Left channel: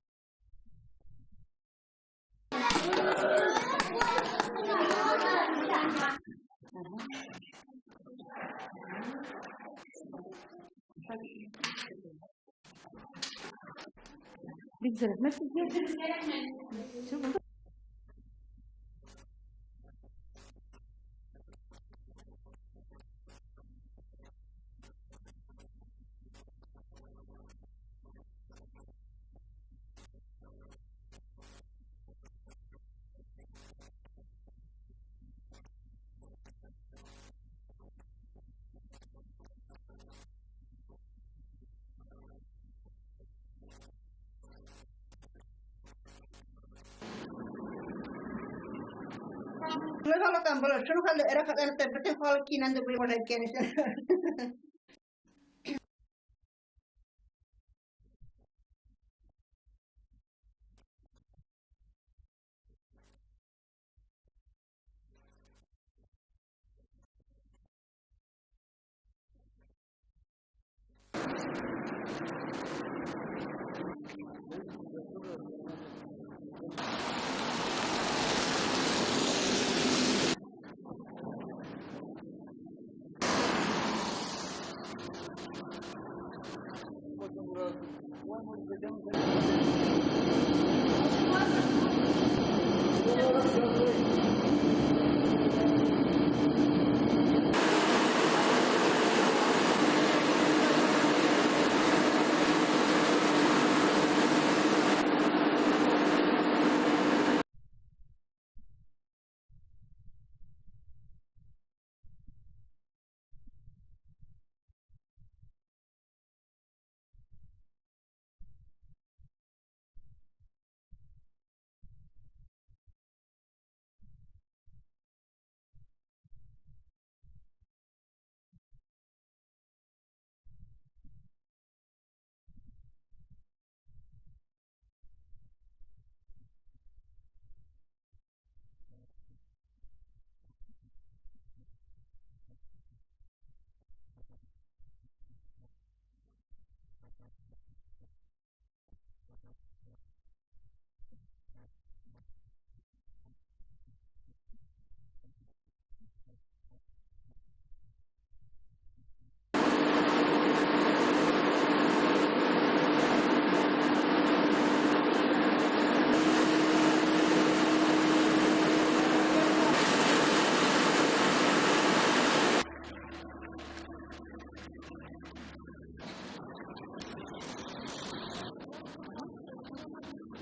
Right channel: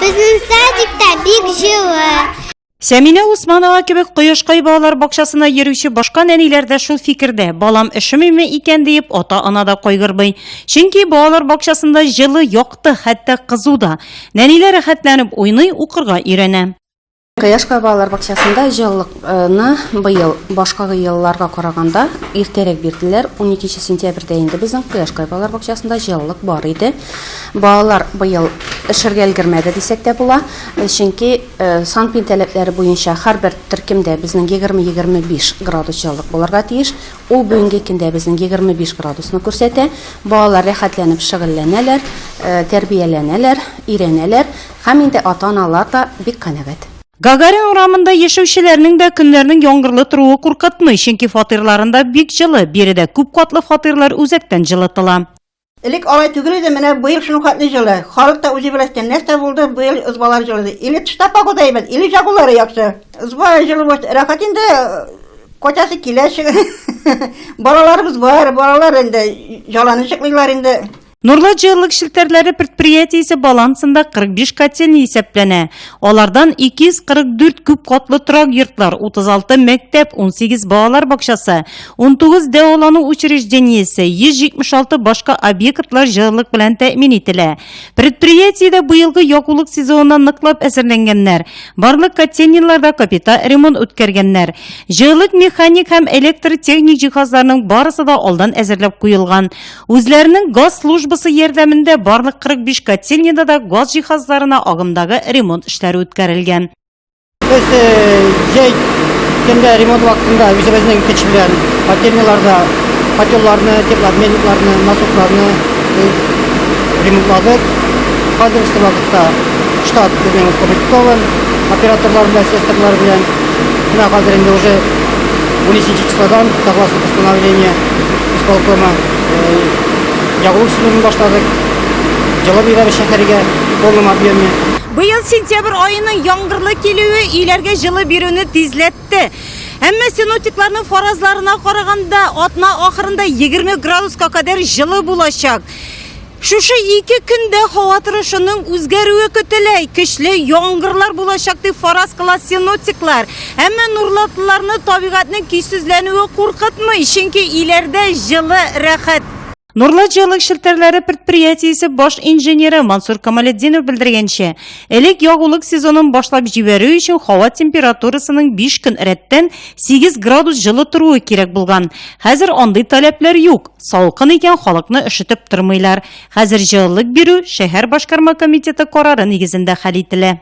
Bizning sadiqda bek жылы. Сәминә Усманова кебек Кояшкай балалар бакчасына йөрүче башка нәниләр дә шул фикердә. Балам эшемеме икән дип ата-ана да кайгырбый. Чөнки балалар бакчасында җылы, якты, хәтта кызу да. Нәниләр рәхәтләнеп уйный, укырга өйрәнә. Кояшкай балалар бакчасында җылылыкны быел башка елларга караганда иртәрәк бирделәр. 12 сентябрьдә инде безнең Кояшкай балалар бакчасында җылылык бар иде. Балалар быел эшергә өлгермәде дисәк тә була. Чөнки санпин таләпләре буенча һәрбер төркемдә безнең 20-25 градус җылылык булырга тиеш. Ул бүгенге көндә безнең 25 градусны күрсәтә. Балалар рәхәтләнеп шөгыльләнәләр, тәрбияләнәләр, өйрәнәләр һәм инде ата-аналар да бик канәгать. Гагарин урамында яшәүчеләрнең дә көннәрнең яңгырлы торуы куркытмый, чөнки фатирларында бик җылы, биредә күп катлы фатирлар үзәктән җылытыла. Элек алай түгел иде, менә быел шуның хәтле җылы. Халык та үзе беләстән нәрсә булды, быел ызбалар җылы. Или тышта погода әйбәт, или җагулары яхшы. Ызба җылы булды. Рәхәт инде котасы килә Балаларыбыз бар, балалар инде җаланычыклар инде. Нурлы җылылык шелтәрләре предприятиесе балансында 45 котельня исәпләнә. Алардан 244 күп катлы торак йортлар, 36 мәктәп, 18 балалар бакчасы, 19 дәвалану учреждениесе, 176 башка объектлар җылылык белән тәэмин ителә. Предприятиедә быелгы ягулык сезонына ныклап әзерләнгәннәр. Барлык котельняларда капиталь ремонт үткәргәннәр. Җылылык механик һәм электротехник җиһазларның барысы да алдан әзерләп куелган. Үзләренең газ службасы ярдәмендә барлык 45 котельняда да газ җиһазларына агымдагы ремонт эшләре үткәрелгән. Без җәй көндә ремонт вакытында үзебезнең көч белән котельняларда котелларны, теплообменникларны, насосларны ремонтладык. Хәзерге вакытта штат безнең укомплектован, операторлар белән, сестрлар белән. Менә хәзер инде уже 12 числодан, согласно постановлению исполкома, ягулык сезонын башладык. Җылы бирәбез шәһәргә полном объеме. Быел сентябрь айының яңгырлы килүе иләргә җылы бирүне тизләтте. Әмма синоптикларның фаразларына караганда атна ахырында 20 градуска кадәр җылы булачак. Шушы 2 көндә һава торышының үзгәрүе көтелә. Көчле яңгырлар булачак дип фараз кыла синоптиклар. Әмма нурлатлыларны табигатьнең көйсезләнүе куркытмый, чөнки иләрдә җылы, рәхәт. Нурлы җылылык шелтәрләре предприятиесе баш инженеры Мансур Камалетдинов белдергәнчә, элек ягулык сезонын башлап җибәрү өчен һава температурасының 5 көн рәттән 8 градус җылы торуы кирәк булган. Хәзер андый таләпләр юк. Салкын икән халыкны өшетеп тормыйлар. Хәзер җылылык бирү шәһәр башкарма комитеты карары нигезендә хәл ителә.